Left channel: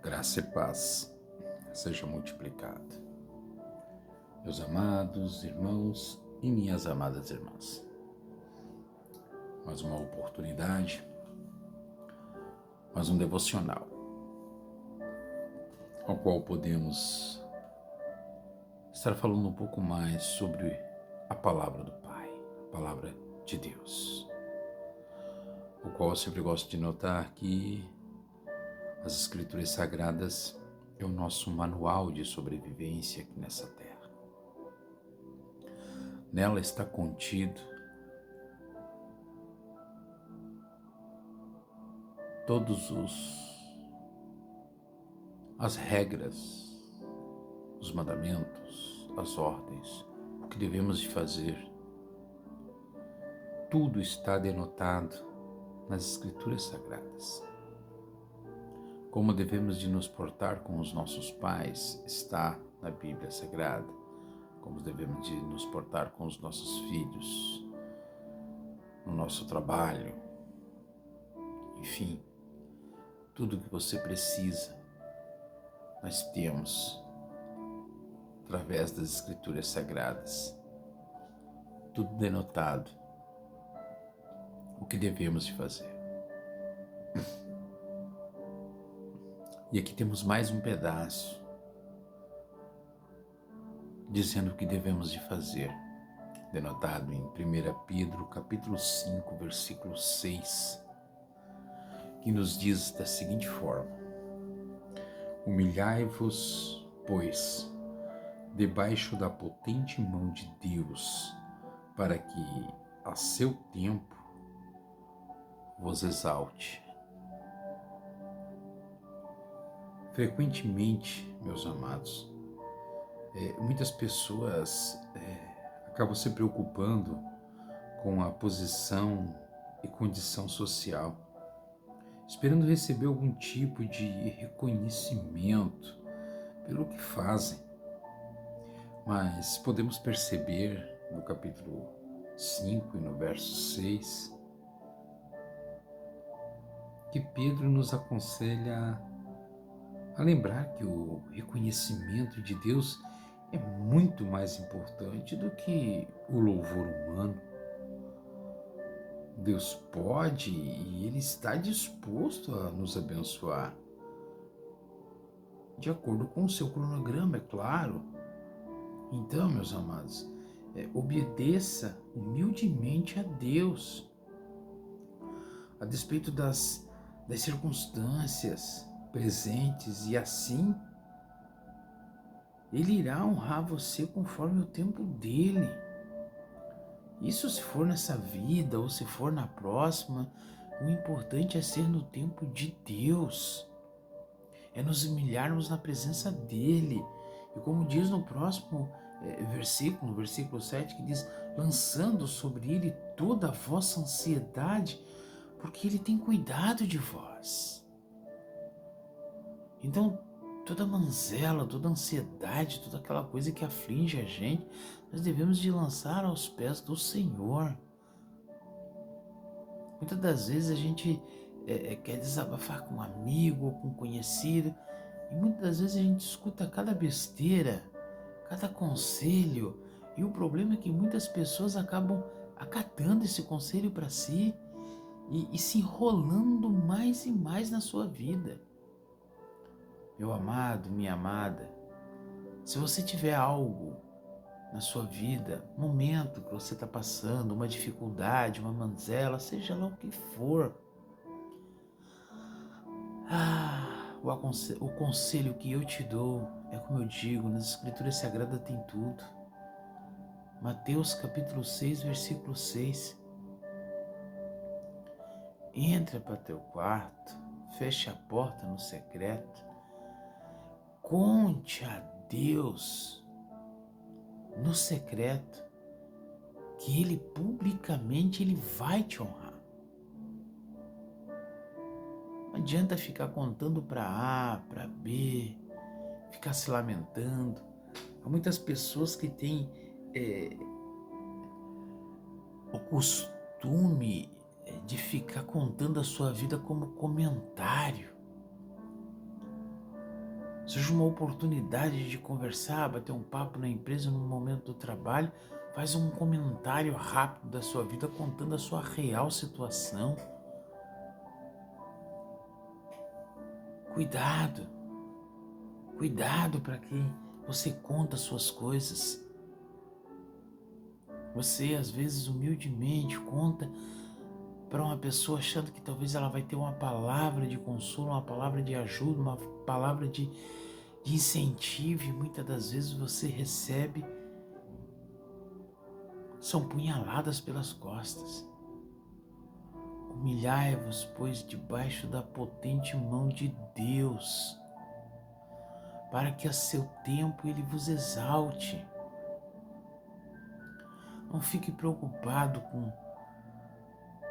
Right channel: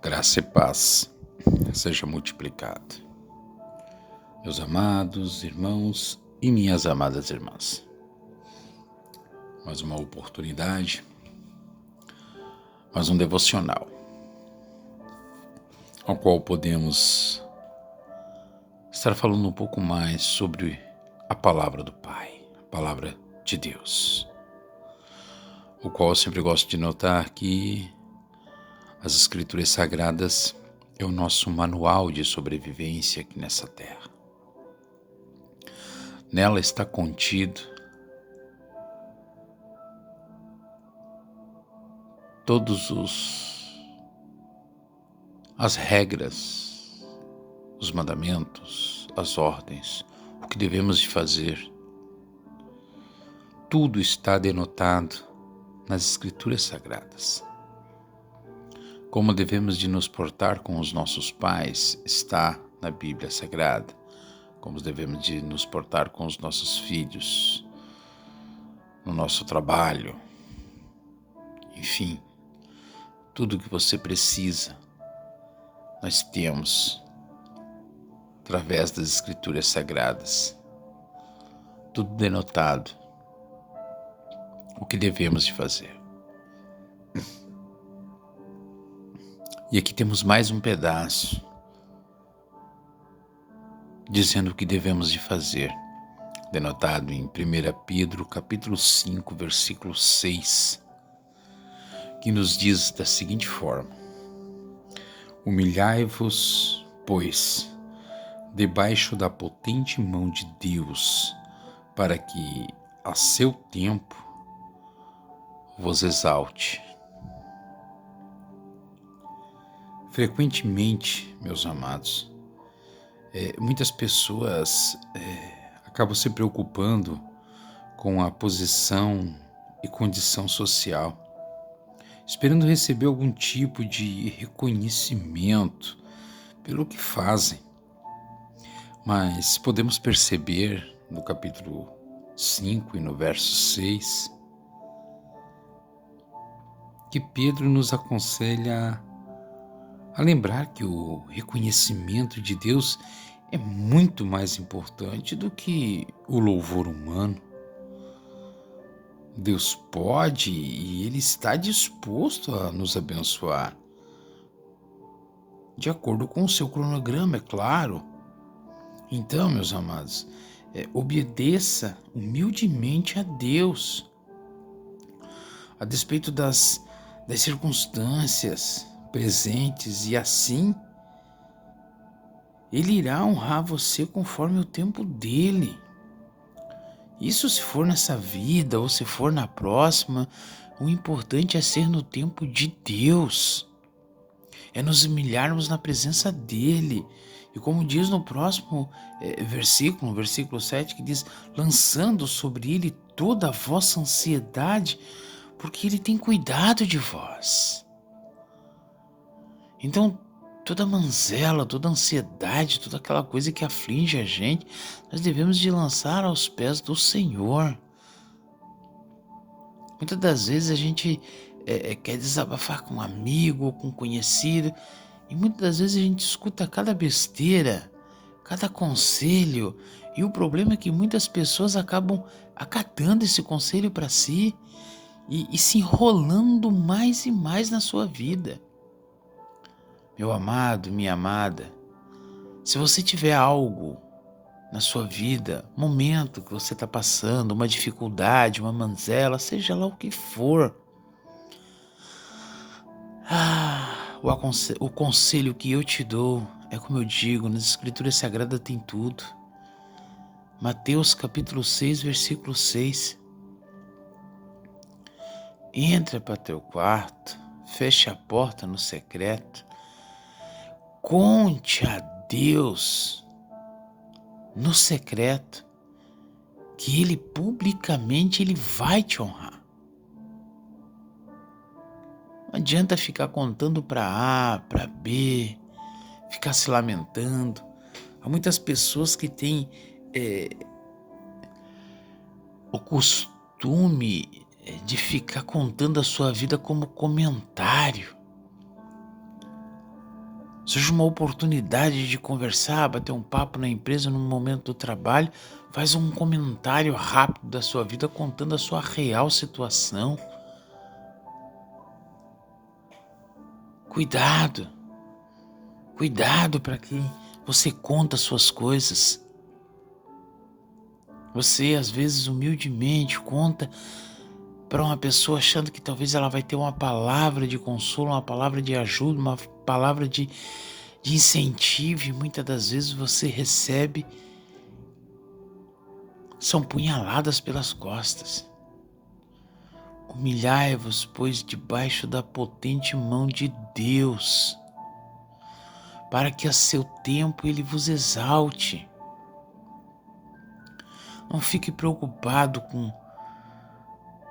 Graça e paz seja multiplicado. Meus amados irmãos e minhas amadas irmãs, mais uma oportunidade, mais um devocional, ao qual podemos estar falando um pouco mais sobre a palavra do Pai, a palavra de Deus, o qual eu sempre gosto de notar que as Escrituras Sagradas é o nosso manual de sobrevivência aqui nessa terra. Nela está contido todos as regras, os mandamentos, as ordens, o que devemos de fazer. Tudo está denotado nas Escrituras Sagradas. Como devemos de nos portar com os nossos pais está na Bíblia Sagrada. Como devemos de nos portar com os nossos filhos, no nosso trabalho, enfim, tudo o que você precisa, nós temos através das Escrituras Sagradas. Tudo denotado, o que devemos de fazer. E aqui temos mais um pedaço, dizendo o que devemos de fazer, denotado em 1 Pedro, capítulo 5, versículo 6, que nos diz da seguinte forma: Humilhai-vos, pois, debaixo da potente mão de Deus, para que, a seu tempo, vos exalte. Frequentemente, meus amados, muitas pessoas acabam se preocupando com a posição e condição social, esperando receber algum tipo de reconhecimento pelo que fazem. Mas podemos perceber no capítulo 5 e no verso 6 que Pedro nos aconselha a lembrar que o reconhecimento de Deus é muito mais importante do que o louvor humano. Deus pode e Ele está disposto a nos abençoar, de acordo com o seu cronograma, é claro. Então, meus amados, obedeça humildemente a Deus, a despeito das circunstâncias presentes, e assim Ele irá honrar você conforme o tempo dele. Isso se for nessa vida ou se for na próxima, o importante é ser no tempo de Deus, é nos humilharmos na presença dele. E como diz no próximo versículo, no versículo 7, que diz: lançando sobre ele toda a vossa ansiedade, porque ele tem cuidado de vós. Então, toda manzela, toda ansiedade, toda aquela coisa que aflige a gente, nós devemos de lançar aos pés do Senhor. Muitas das vezes a gente quer desabafar com um amigo ou com um conhecido, e muitas das vezes a gente escuta cada besteira, cada conselho, e o problema é que muitas pessoas acabam acatando esse conselho para si e se enrolando mais e mais na sua vida. Meu amado, minha amada, se você tiver algo na sua vida, momento que você está passando, uma dificuldade, uma manzela, seja lá o que for, o conselho que eu te dou é como eu digo, nas Escrituras Sagradas tem tudo. Mateus capítulo 6, versículo 6. Entra para teu quarto, fecha a porta no secreto, conte a Deus no secreto, que Ele publicamente Ele vai te honrar. Não adianta ficar contando para A, para B, ficar se lamentando. Há muitas pessoas que têm o costume de ficar contando a sua vida como comentário. Surge uma oportunidade de conversar, bater um papo na empresa, num momento do trabalho, faz um comentário rápido da sua vida contando a sua real situação. Cuidado, cuidado para quem você conta as suas coisas. Você, às vezes, humildemente conta para uma pessoa achando que talvez ela vai ter uma palavra de consolo, uma palavra de ajuda, uma palavra de incentivo, e muitas das vezes você recebe, são punhaladas pelas costas. Humilhai-vos, pois, debaixo da potente mão de Deus, para que a seu tempo ele vos exalte. Não fique preocupado com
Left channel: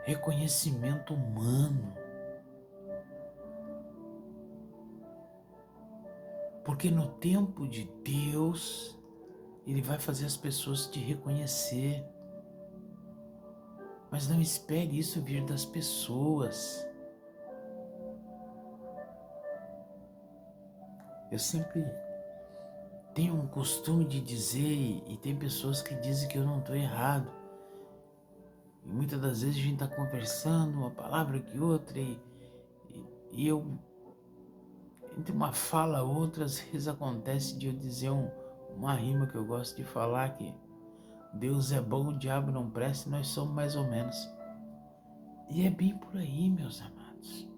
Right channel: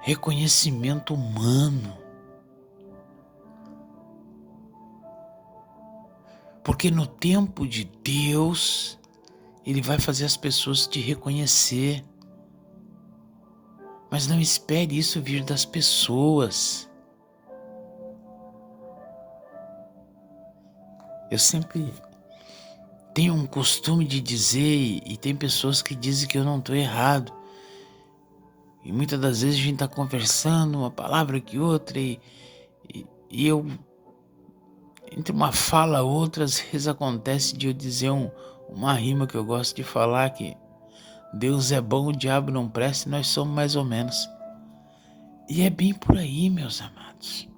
reconhecimento humano, porque no tempo de Deus, ele vai fazer as pessoas te reconhecer. Mas não espere isso vir das pessoas. Eu sempre tenho um costume de dizer, e tem pessoas que dizem que eu não estou errado. E muitas das vezes a gente está conversando, uma palavra que outra, e eu, entre uma fala ou outra, às vezes acontece de eu dizer uma rima que eu gosto de falar, que Deus é bom, o diabo não presta, e nós somos mais ou menos. E é bem por aí, meus amados.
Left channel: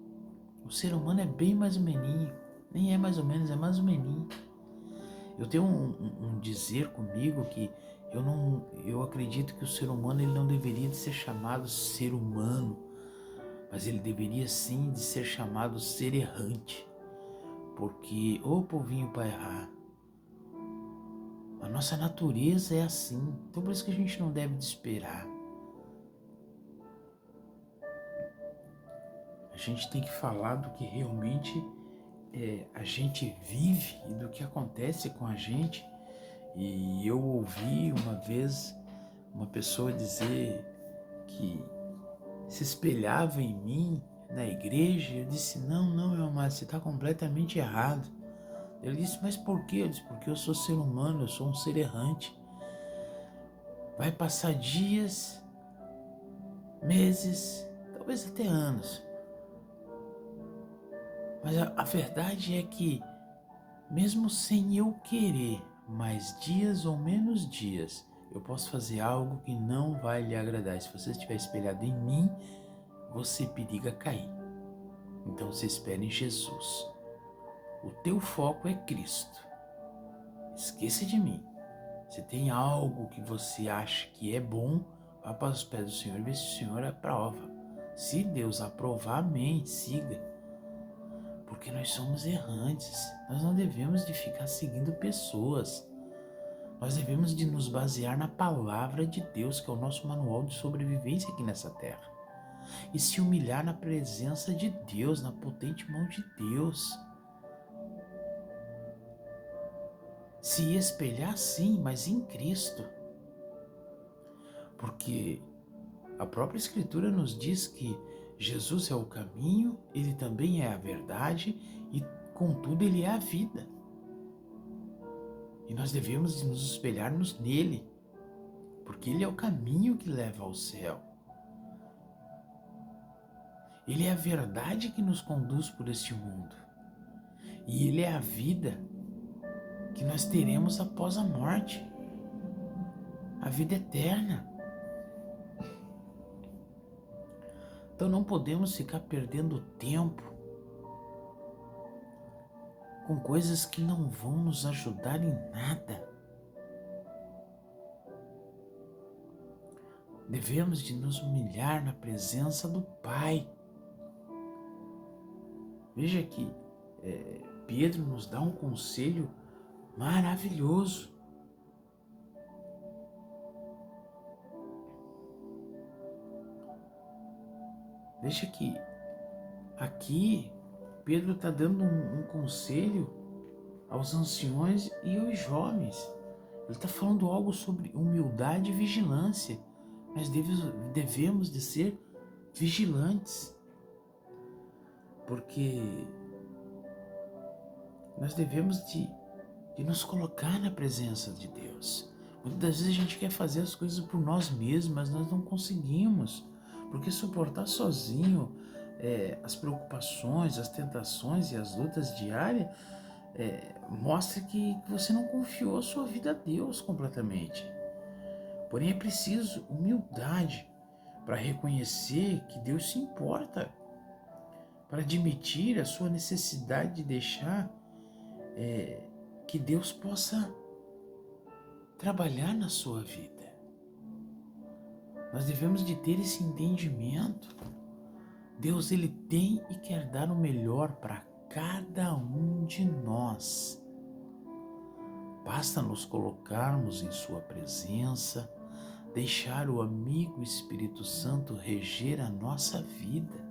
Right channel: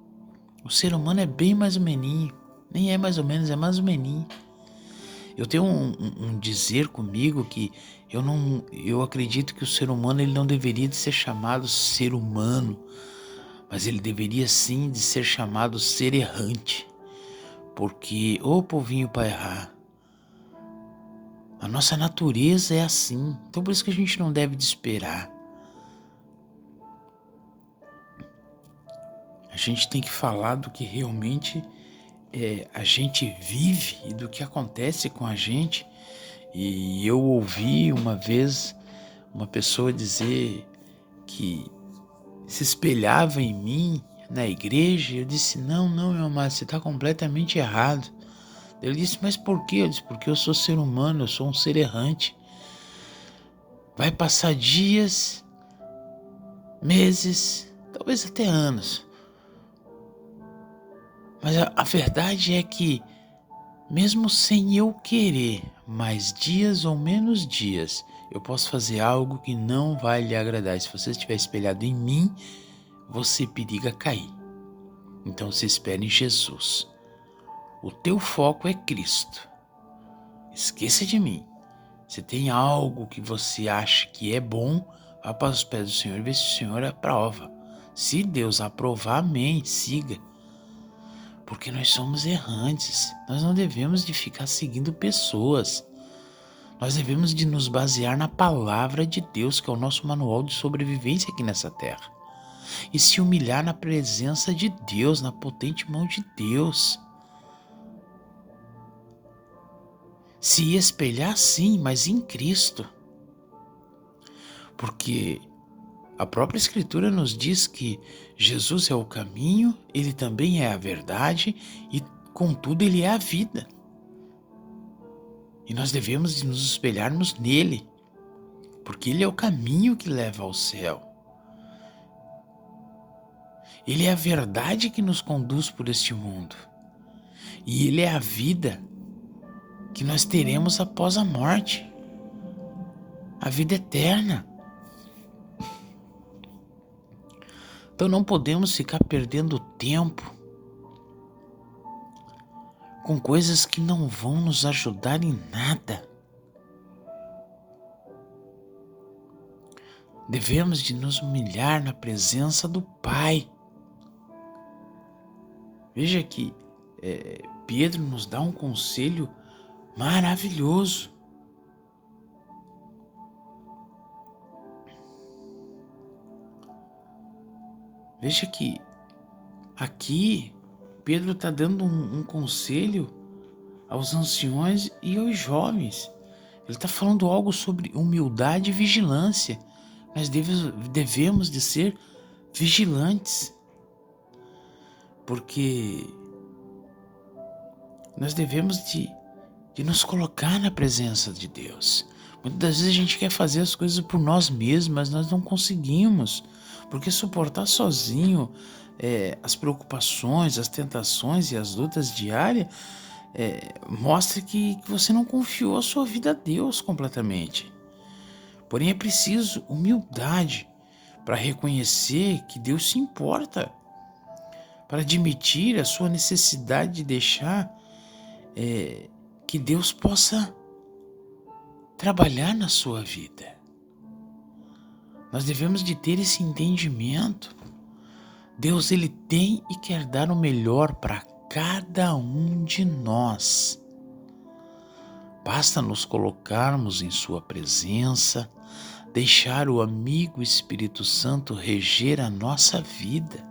O ser humano é bem mais ou meninho. Nem é mais ou menos, é mais ou meninho. Eu tenho um dizer comigo que eu acredito que o ser humano ele não deveria de ser chamado ser humano, mas ele deveria sim de ser chamado ser errante. Porque, ô povinho para errar, a nossa natureza é assim. Então por isso que a gente não deve desesperar. A gente tem que falar do que realmente a gente vive e do que acontece com a gente. E eu ouvi uma vez uma pessoa dizer que se espelhava em mim na igreja. Eu disse, não, meu amado, você está completamente errado. Ele disse, mas por quê? Eu disse, porque eu sou ser humano, eu sou um ser errante. Vai passar dias, meses, talvez até anos. Mas a verdade é que, mesmo sem eu querer, mais dias ou menos dias, eu posso fazer algo que não vai lhe agradar. E se você estiver espelhado em mim, você periga cair. Então você espera em Jesus. O teu foco é Cristo. Esqueça de mim. Se tem algo que você acha que é bom, vá para os pés do Senhor e vê se o Senhor aprova. Se Deus aprovar, amém, siga. Porque nós somos errantes. Nós não devemos de ficar seguindo pessoas. Nós devemos de nos basear na palavra de Deus, que é o nosso manual de sobrevivência aqui nessa terra. E se humilhar na presença de Deus, na potente mão de Deus. Se espelhar sim, mas em Cristo. Porque a própria Escritura nos diz que Jesus é o caminho, Ele também é a verdade e, contudo, Ele é a vida. E nós devemos de nos espelharmos nele, porque Ele é o caminho que leva ao céu. Ele é a verdade que nos conduz por este mundo. E Ele é a vida que nós teremos após a morte. A vida eterna. Então não podemos ficar perdendo tempo com coisas que não vão nos ajudar em nada. Devemos de nos humilhar na presença do Pai. Veja que Pedro nos dá um conselho maravilhoso. Veja que aqui Pedro está dando um conselho aos anciões e aos jovens. Ele está falando algo sobre humildade e vigilância. Nós devemos de ser vigilantes, porque nós devemos de nos colocar na presença de Deus. Muitas das vezes a gente quer fazer as coisas por nós mesmos, mas nós não conseguimos, porque suportar sozinho as preocupações, as tentações e as lutas diárias mostra que você não confiou a sua vida a Deus completamente. Porém, é preciso humildade para reconhecer que Deus se importa, para admitir a sua necessidade de deixar que Deus possa trabalhar na sua vida. Nós devemos de ter esse entendimento. Deus, Ele tem e quer dar o melhor para cada um de nós. Basta nos colocarmos em sua presença, deixar o amigo Espírito Santo reger a nossa vida.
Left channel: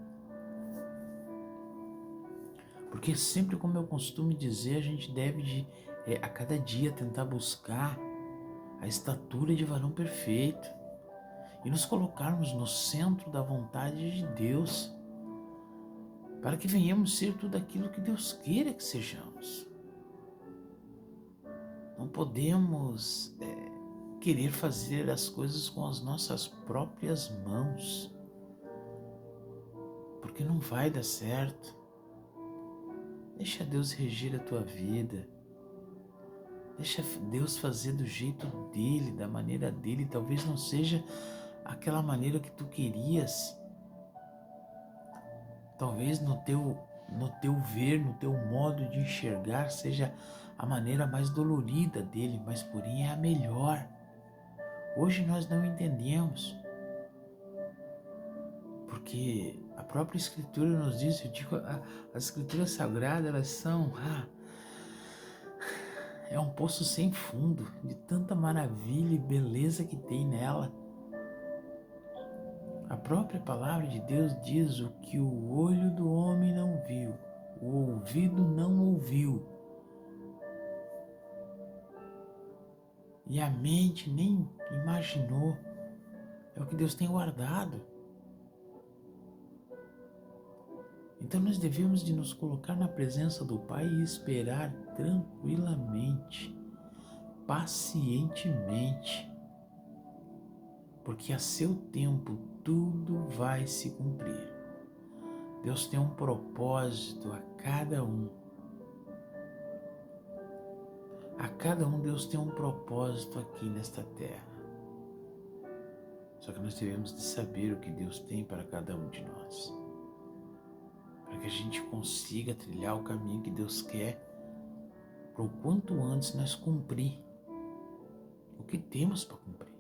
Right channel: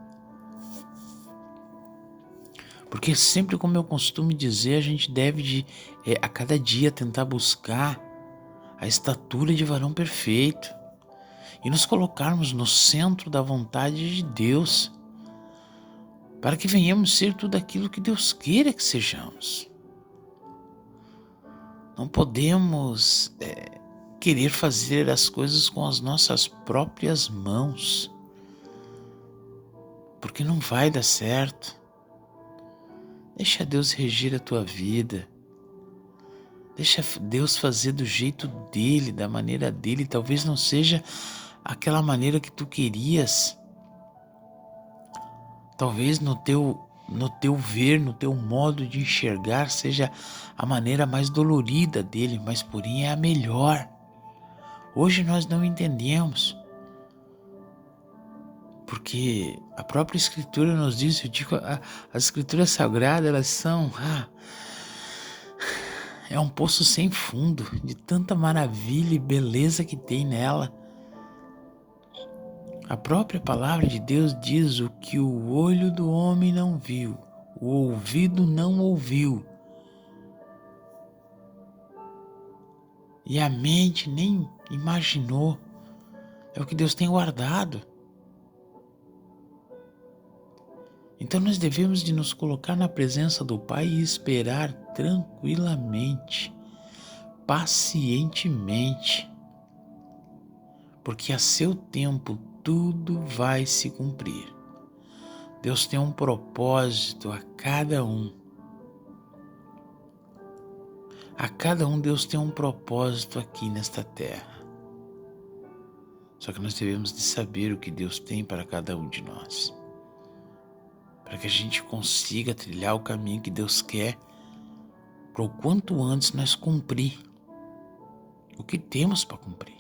Porque sempre, como eu costumo dizer, a gente deve a cada dia tentar buscar a estatura de varão perfeito e nos colocarmos no centro da vontade de Deus, para que venhamos ser tudo aquilo que Deus queira que sejamos. Não podemos querer fazer as coisas com as nossas próprias mãos, porque não vai dar certo. Deixa Deus reger a tua vida. Deixa Deus fazer do jeito dele, da maneira dele. Talvez não seja aquela maneira que tu querias. Talvez no teu ver, no teu modo de enxergar, seja a maneira mais dolorida dele, mas porém é a melhor. Hoje nós não entendemos, porque a própria Escritura nos diz, eu digo, as Escrituras Sagradas, elas são... é um poço sem fundo de tanta maravilha e beleza que tem nela. A própria palavra de Deus diz o que o olho do homem não viu, o ouvido não ouviu, e a mente nem imaginou. É o que Deus tem guardado. Então nós devemos de nos colocar na presença do Pai e esperar tranquilamente, pacientemente, porque a seu tempo tudo vai se cumprir. Deus tem um propósito a cada um. A cada um Deus tem um propósito aqui nesta terra. Só que nós devemos de saber o que Deus tem para cada um de nós, para que a gente consiga trilhar o caminho que Deus quer, para o quanto antes nós cumprir o que temos para cumprir.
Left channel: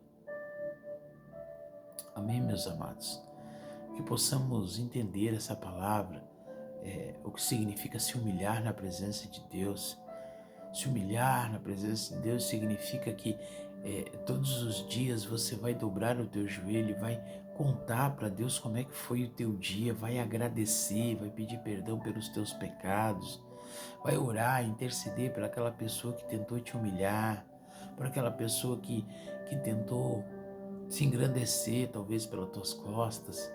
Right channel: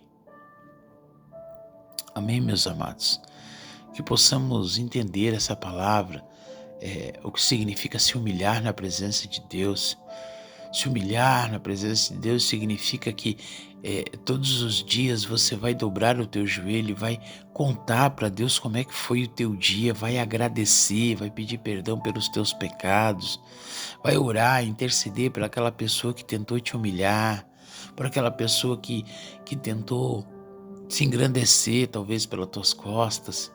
Amém, meus amados? Que possamos entender essa palavra, o que significa se humilhar na presença de Deus. Se humilhar na presença de Deus significa que todos os dias você vai dobrar o teu joelho, vai contar para Deus como é que foi o teu dia, vai agradecer, vai pedir perdão pelos teus pecados, vai orar, interceder por aquela pessoa que tentou te humilhar, por aquela pessoa que tentou se engrandecer, talvez pelas tuas costas.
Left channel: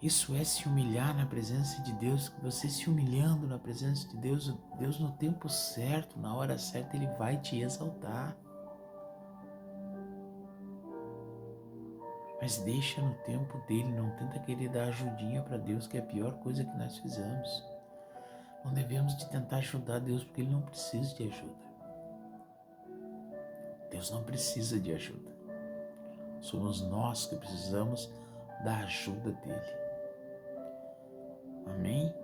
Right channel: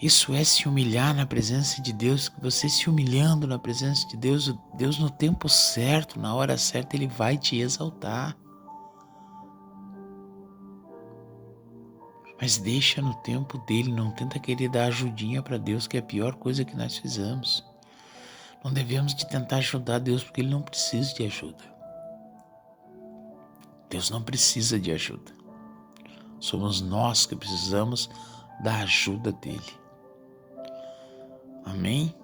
Isso é se humilhar na presença de Deus. Você se humilhando na presença de Deus, Deus no tempo certo, na hora certa, Ele vai te exaltar. Mas deixa no tempo dele, não tenta querer dar ajudinha para Deus, que é a pior coisa que nós fizemos. Não devemos de tentar ajudar Deus, porque Ele não precisa de ajuda. Deus não precisa de ajuda. Somos nós que precisamos da ajuda dele. Amém?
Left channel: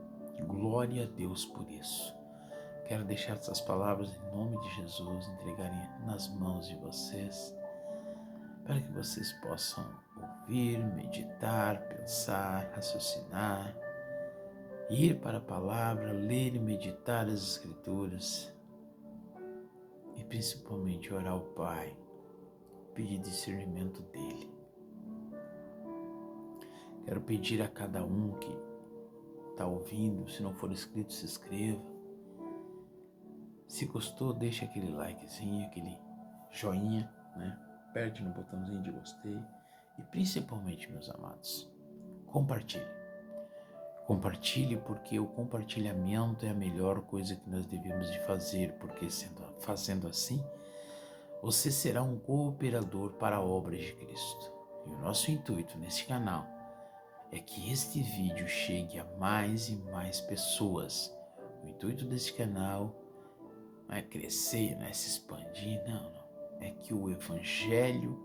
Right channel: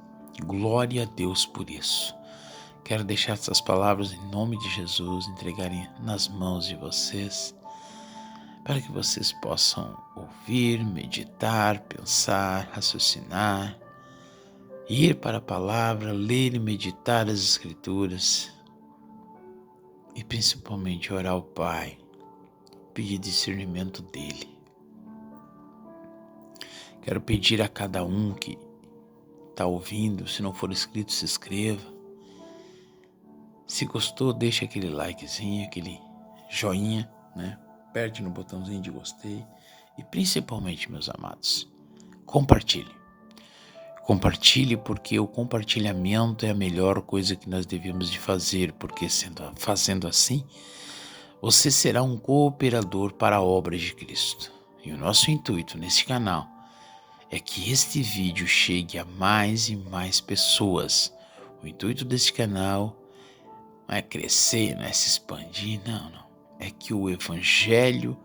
Glória a Deus por isso. Quero deixar essas palavras em nome de Jesus, entregarem nas mãos de vocês, para que vocês possam ouvir, meditar, pensar, raciocinar, ir para a palavra, ler e meditar as Escrituras e principalmente orar ao Pai, pedir discernimento dele. Quero pedir a cada um que está ouvindo, se não for inscrito, se inscreva. Se gostou, deixa aquele likezinho, aquele joinha, né? Aperte no botãozinho de gostei. E principalmente, meus amados, compartilhe. Compartilhe, porque o compartilhamento é a melhor coisa que nós devemos de fazer, porque fazendo assim, você será um cooperador para a obra de Cristo. E o nosso intuito nesse canal é que este vídeo chegue a mais e mais pessoas. O intuito desse canal não é crescer, não é se expandir, não. É que o Evangelho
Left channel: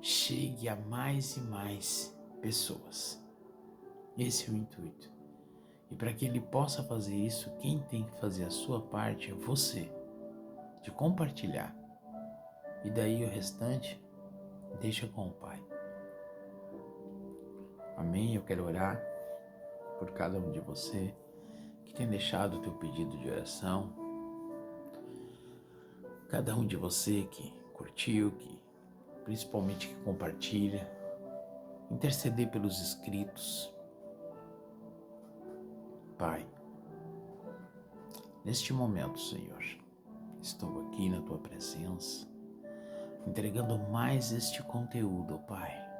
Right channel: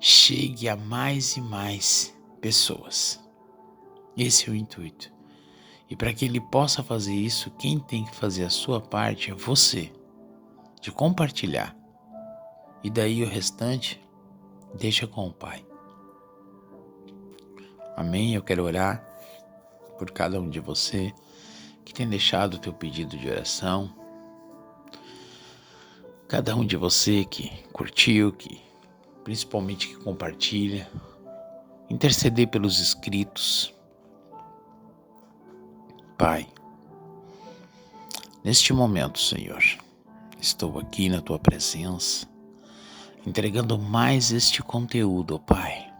chegue a mais e mais pessoas. Esse é o intuito. E para que ele possa fazer isso, quem tem que fazer a sua parte é você, de compartilhar. E daí o restante, deixa com o Pai. Amém? Eu quero orar por cada um de você que tem deixado o teu pedido de oração. Cada um de você que curtiu, principalmente que compartilha. Interceder pelos inscritos. Pai, neste momento, Senhor, estou aqui na tua presença, entregando mais este conteúdo, ó Pai,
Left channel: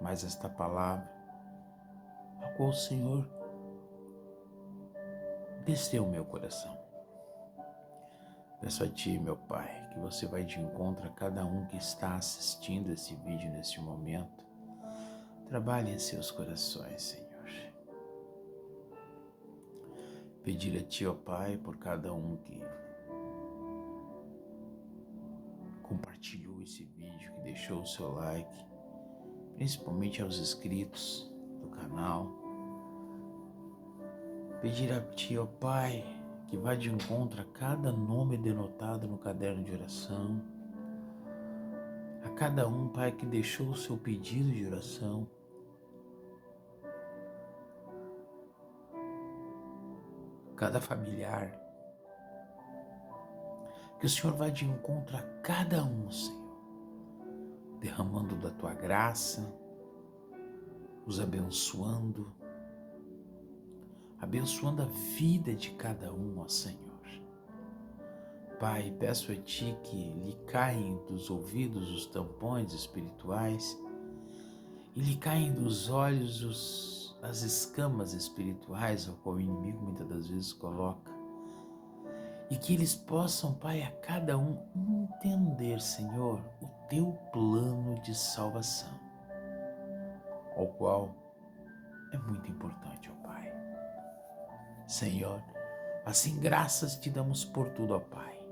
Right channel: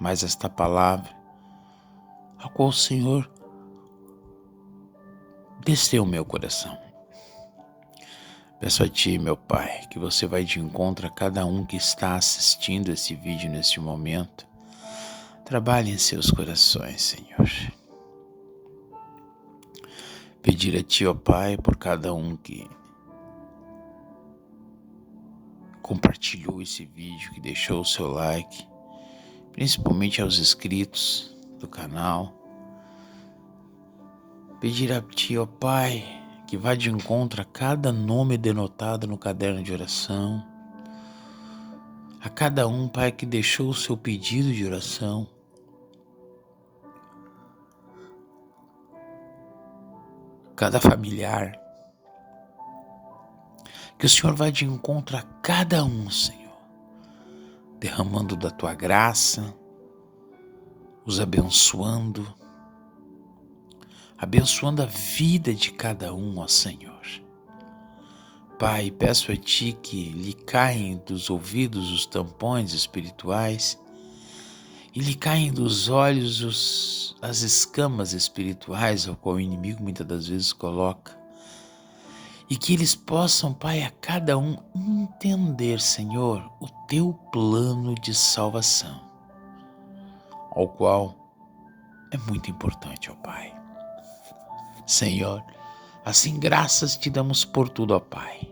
mais esta palavra, a qual o Senhor desceu o meu coração. Peço a Ti, meu Pai, que você vai de encontro a cada um que está assistindo esse vídeo neste momento. Trabalhe em seus corações, Senhor. Pedir a Ti, ó Pai, por cada um que compartilhou esse vídeo, que deixou o seu like, principalmente aos inscritos do canal. Pedir a Ti, ó Pai, que vá de encontro a cada nome denotado no caderno de oração, a cada um, Pai, que deixou o seu pedido de oração, cada familiar, que o Senhor vá de encontro a cada um, Senhor, derramando da Tua graça, os abençoando a vida de cada um, ó Senhor. Pai, peço a Ti que lhe caem dos ouvidos os tampões espirituais e lhe caem dos olhos as escamas espirituais ao qual o inimigo muitas das vezes coloca. E que eles possam, Pai, a cada um entender, Senhor, o Teu plano de salvação, ao qual é muito importante, ó Pai. Senhor, assim graças Te damos por tudo, ó Pai.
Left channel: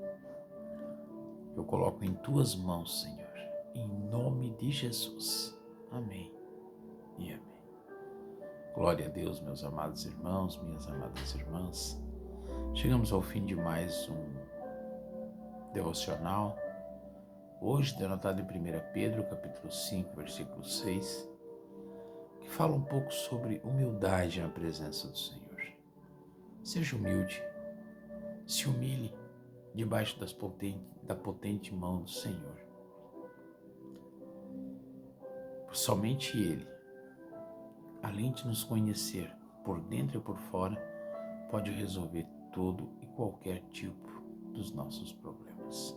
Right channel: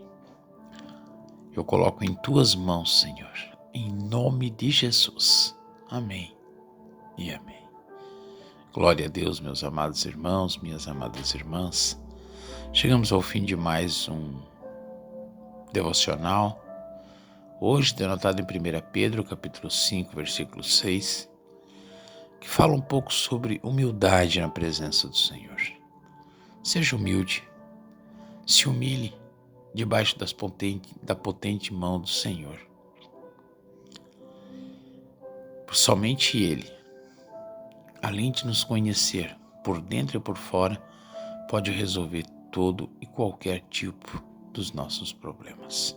Eu coloco em Tuas mãos, Senhor, em nome de Jesus. Amém e amém. Glória a Deus, meus amados irmãos, minhas amadas irmãs. Chegamos ao fim de mais um devocional. Hoje, denotado em 1 Pedro, capítulo 5, versículo 6, que fala um pouco sobre humildade na presença do Senhor. Seja humilde, se humilhe debaixo da potente mão do Senhor. Somente Ele, além de nos conhecer por dentro e por fora, pode resolver todo e qualquer tipo dos nossos problemas.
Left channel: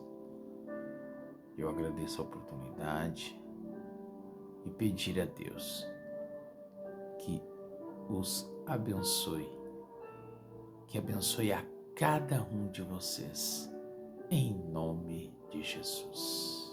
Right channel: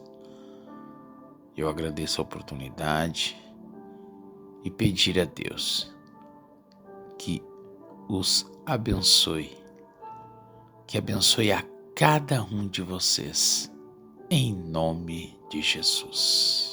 Eu agradeço a oportunidade e pedir a Deus que os abençoe, que abençoe a cada um de vocês, em nome de Jesus.